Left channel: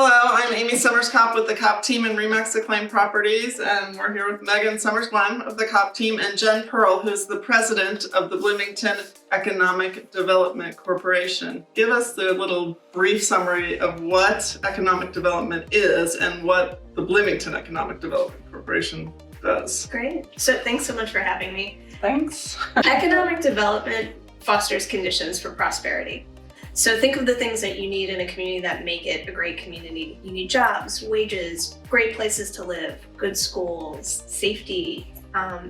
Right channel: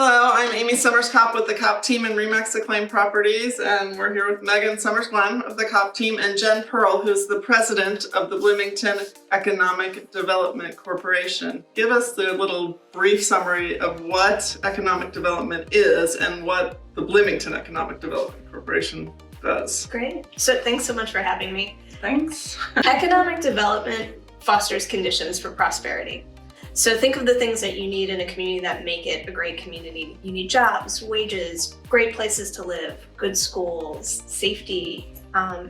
Hello, I'm Amy Summers Kopp with the Kopp team in Remax Acclaimed Properties, and we're here with Megan Summers-Glenn of the Kopp team and Jen Pearl, who's the president of the Bloomington Economic Development Corporation. Give us the little brief summary of what economic development is and what the Bloomington Economic Development Corporation does. Great. So thanks so much for having me. Thanks. Economic development fosters conditions for prosperity. So think of the things that you need in a community that make it a great community. You need jobs, wages, great places to live, good schools, safety,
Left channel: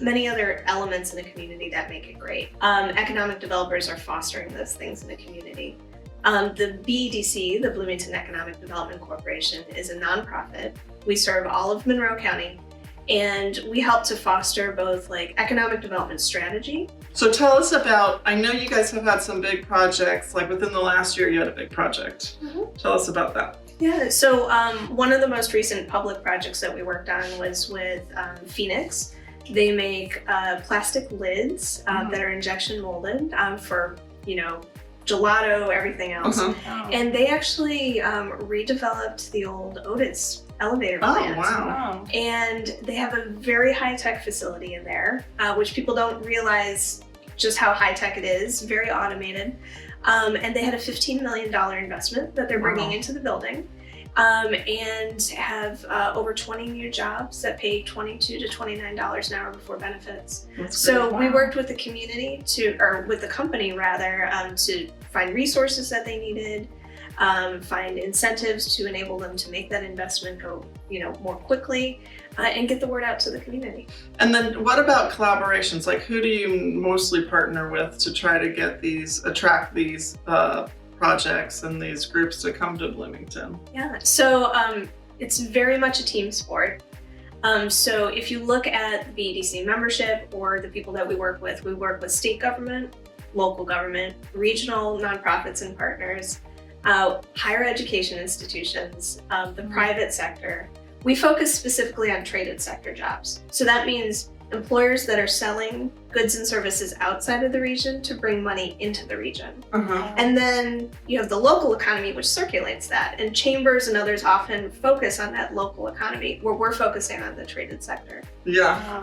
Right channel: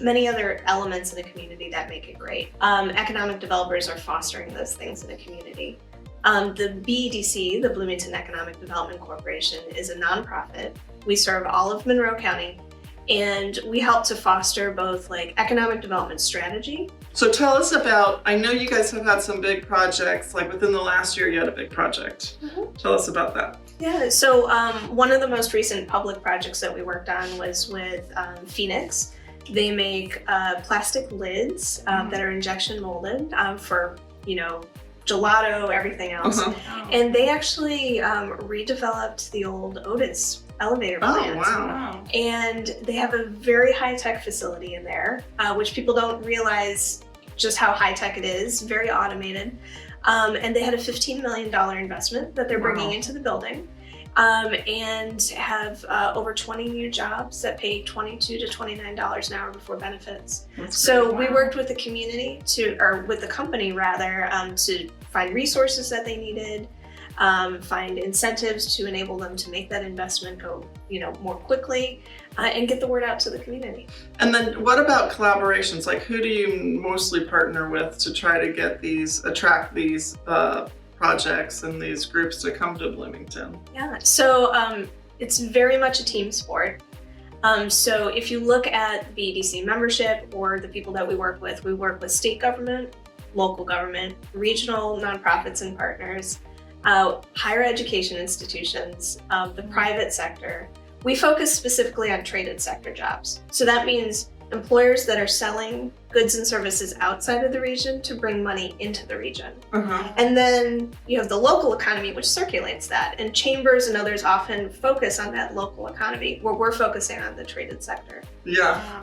many other elements in a community that make it great. Economic developers are fostering those things in a community. The BEDC, the Bloomington Economic Development Corporation, is a nonprofit. We serve all of Monroe County, and we help to foster both economic development strategy. So tell us about, I know you guys have had some big projects, like within the last year you had a big project. Mm-hmm. Tell us about that. Yeah, so one of the most recent public projects that we worked on was with Phoenix. They make plastic lids that are injection molded for, gelato, everything else. Uh-huh. And they actually redeveloped the old Otis elevator plant. Oh, wow. And they have a very high-tech facility in there, which people don't realize just how high-tech it is, very automated. And they had a $15 million investment that they're bringing into the building, and have over 20 new jobs that pay $22 to $29 an hour before benefits. So we worked with the community with the company rather, to find resources that they needed, find incentives to enable them to make that investment go, more quickly, and get the word out to the community. And then what about collaborations? Like, who do you mostly partner with to try to attract these projects and these groups to come to Bloomington? Yeah, so it's very much a team sport. So if you look at the BEDC membership or the people that we work with state government, local government, regional nonprofits and partners, higher education institutions, the private sector. We focus specifically on traded sector jobs. So that means employers that are selling goods and services outside of the region to bring money into the region. Uh-huh. And then you have the local economy, which circulates that. And chambers and others often focus on that local economy, where we're focusing on the traded sector. Yeah.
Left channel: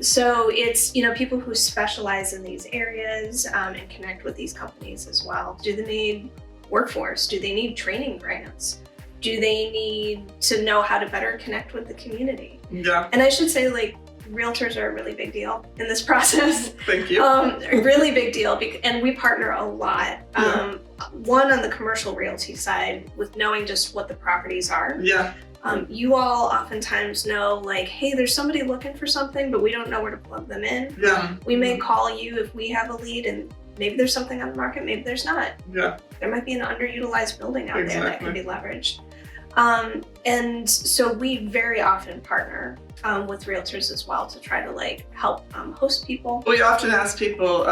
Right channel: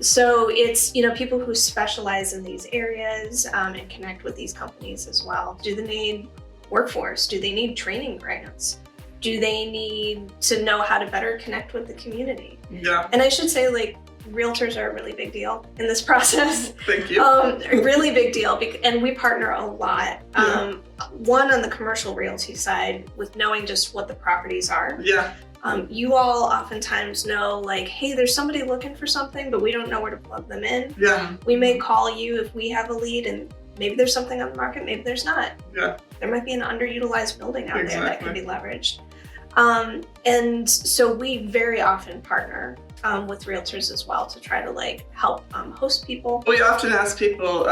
So it's, people who specialize in these areas and connect with these companies as well. Do they need workforce? Do they need training grants? Do they need to know how to better connect with the community? Yeah. And I should say, realtors are a really big deal in this process. Thank you. A really big deal, and we partner a lot. Yeah. One on the commercial realty side with knowing just what the properties are. Yeah. You all oftentimes know, hey, there's somebody looking for something, but we don't know where to plug them in. Yeah. We may call you if we have a lead, and maybe there's something on the market, maybe there's not. Yeah. There might be an underutilized building out there that could be leveraged. And so we very often partner with realtors as well to try to help host people. We often ask people,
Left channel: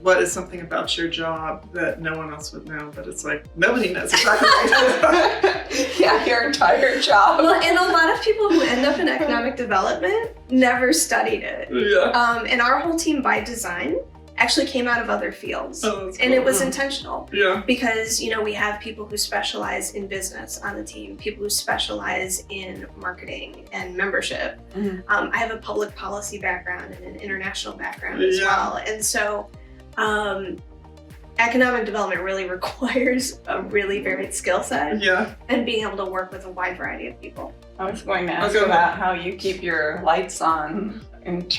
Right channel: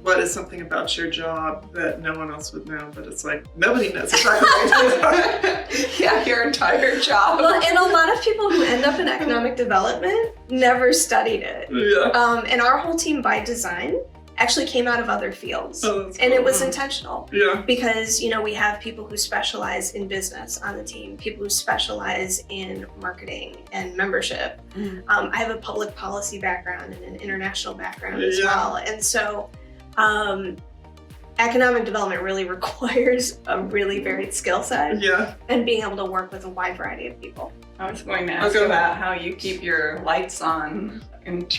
what is something about your job that no one else would know? But it's nobody knows exactly what it is. Yeah, your entire job. Well, and a lot of people who end up in economic development never studied it. Yeah. And our whole team by design actually came out of other fields. Oh, that's cool. And it was intentional. Yeah. Because, we have people who specialize in business on the team, people who specialize in marketing and membership. Mm-hmm. I have a public policy background and an international background as well. And so economic development really requires a really varied skill set. Yeah. And being able to work with a wide variety of people. I was going to ask about how you keep your lights on and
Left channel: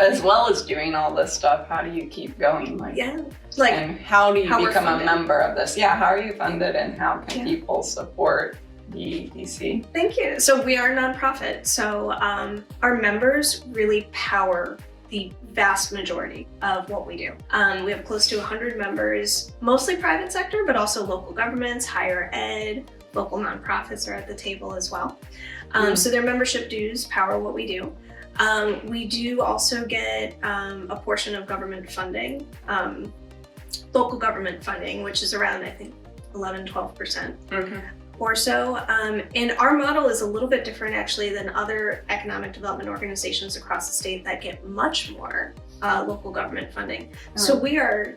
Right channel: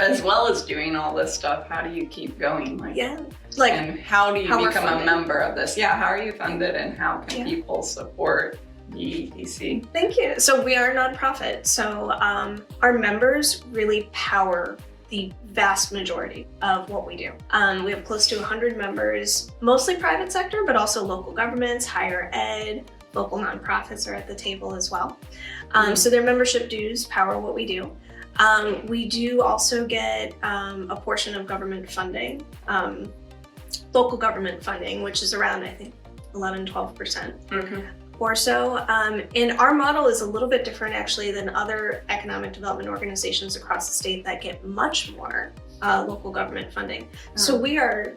as well as doing all this stuff. How do you keep going? And how do you become a member of this? Yeah, how are you funded, and how can people support BEDC? Thank you. So we are a nonprofit. So our members really power the vast majority of what we do. We have close to 100 members, mostly private sector, but also local governments, higher ed, local nonprofits are at the table as well. So their membership dues power what we do. We do also get a portion of government funding, local government funding, which is around, I think, 11-12%. Or so. And our model is a little bit different actually than other economic development organizations across the state that get much more local government funding. So we are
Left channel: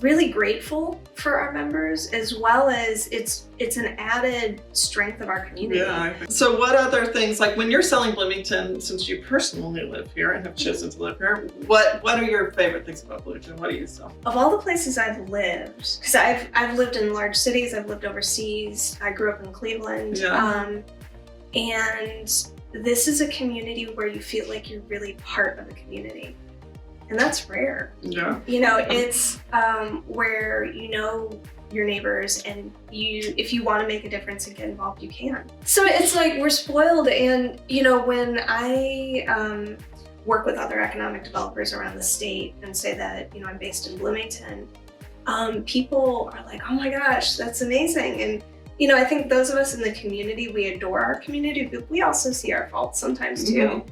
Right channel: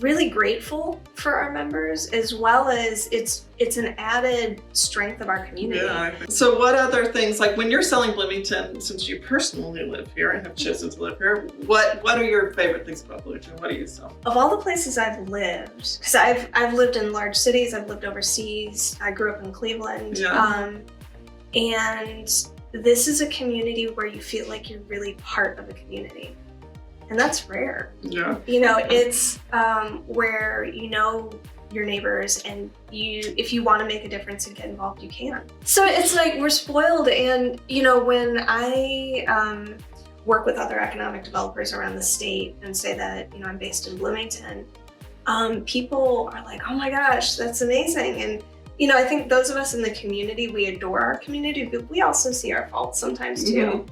really grateful for our members, as well as it's an added strength of our community. Yeah. So what other things, like when you're selling Bloomington, since you personally live here and have chosen to live here, what are your favorite things about Bloomington? What do you sell? Of all the places I've lived, because I've lived in large cities, I've lived overseas, I grew up in Cleveland, and this is a community where you feel like you're really part of a community. And that's rare. Yeah. You know, it's where you know your neighbors, and if you want to make a difference and get involved, you can. So it's like we're spoiled. And you know, when I work with other economic developers around the state and say that, you know, I'm based in Bloomington, people are like, oh my gosh, that's amazing. And you know, I think those of us in the community, we adore our community, but we also see our faults sometimes too.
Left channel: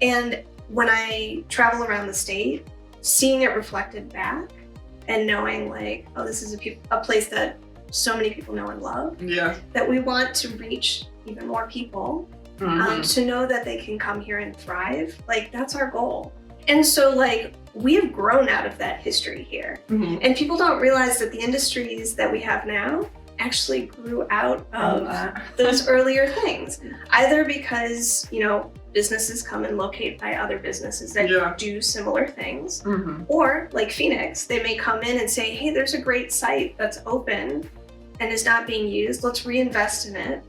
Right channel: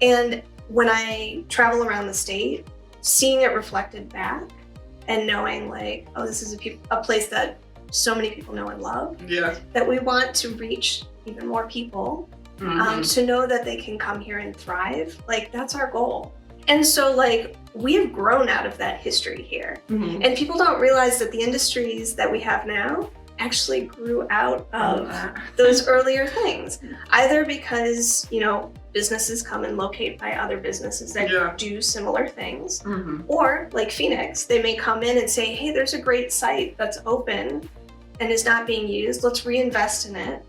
And when I travel around the state, seeing it reflected back and knowing like, oh, this is a place that so many people know and love, that we want to reach even more people to know that they can come here and thrive, like that's our goal. And so like we have grown out of that history here. And people don't realize that the industries that we have now actually grew out of those earlier things, either because, you know, businesses come and locate by other businesses that do similar things, or like Phoenix, they may come in and say, hey, there's a great site that's open and is not being used, let's reinvest in it,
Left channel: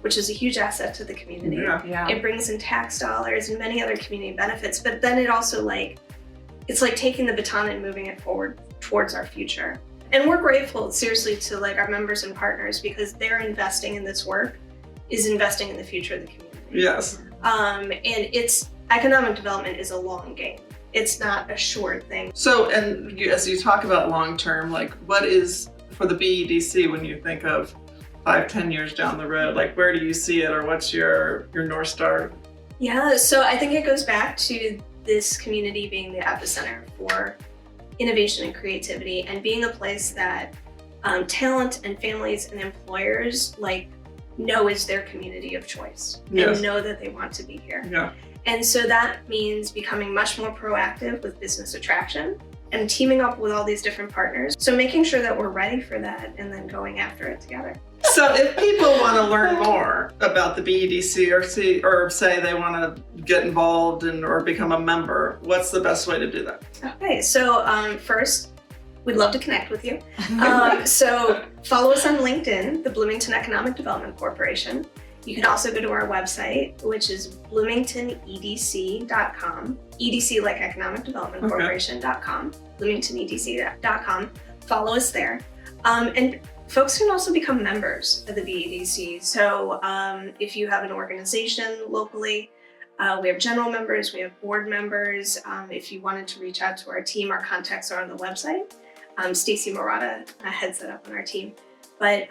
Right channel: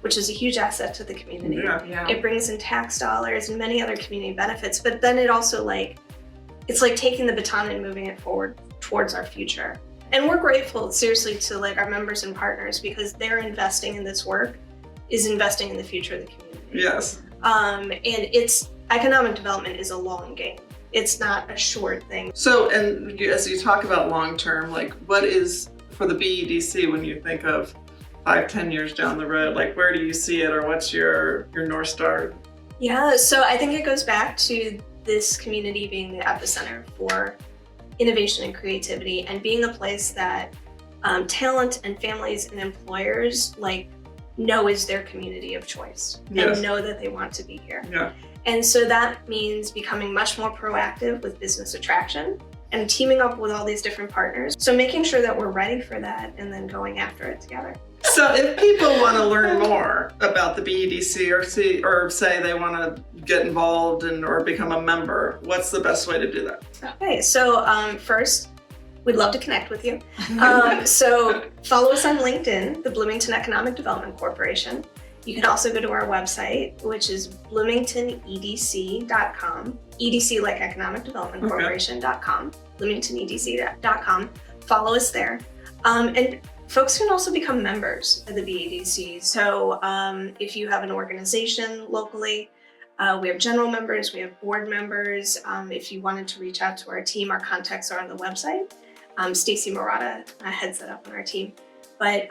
which is a huge asset to the community. It brings in tax dollars and many other community benefits, but then it also like, it's like taking the baton and moving it forward towards our future. And we're grateful, seriously, to like our members and partners, because they're investing in this work, is investing in the future of the community. Yes. And it's economic development is a long game. It's not a short thing. So, and as you talk about long-term, like what is for the BEDC when you think of 5-10 years down the road, like where do you see it, or what's your North Star? Yeah, so I think it goes back to this community being the epicenter for innovation and creativity, and being a place that talent and families and employers like know is their community of choice and know that they want to be here. And so that means becoming much more proactive with business attraction and teaming up with all these different partners. So making sure that we're ready for that and then going after it together. So if people want to learn more about the BEDC or say they want to get involved or become a member, what's the best way to do that? Okay, so first, we'd love to connect with you. So follow us on LinkedIn, the Bloomington Economic Development Corporation. You can also go to our website, which is bloomingtonedc.com, EDC like Economic Development Corporation.com, bloomingtonedc.com. Follow us there. And folks can also become members of the BEDC. So if you have an organization locally, we have general members, we have board members. If you wanted to reach out to our team, our contacts are on the website. Stacy Murata heads that up on our team. But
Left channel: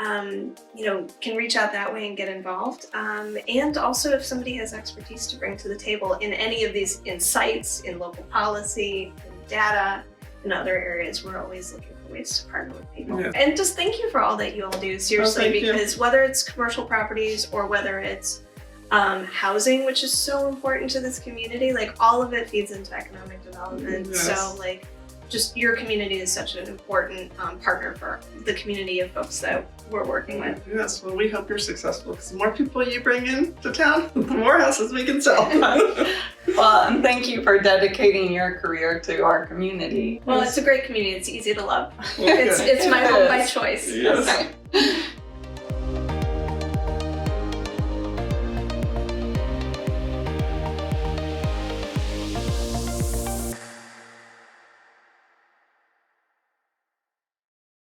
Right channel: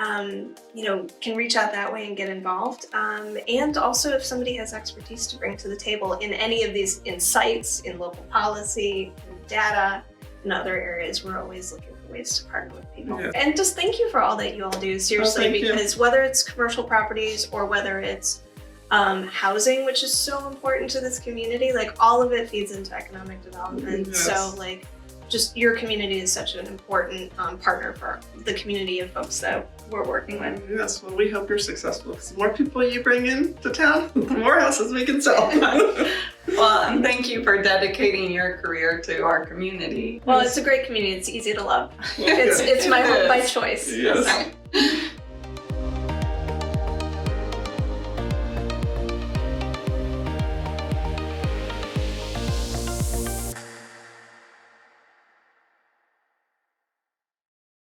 you know, can reach out that way and get involved. And also if somebody has expertise to bring to the table in any of these insights, in local policy, in data, in other areas, we're always looking for ways to partner with people. And just thank you for all that you all do, seriously, because whether it's commercial properties or whether it's housing, which is so important to this community, like all of it feeds into economic development. So like, just your community is such an important partner for the community of folks that we're working with. Yes, well, we hope you're successful, because the more people you bring in to town, the more houses we can sell. Well, and thank you for dedicating your career to our community. Well, it's a great community. It's easy to love. It's my home by choice. Yes.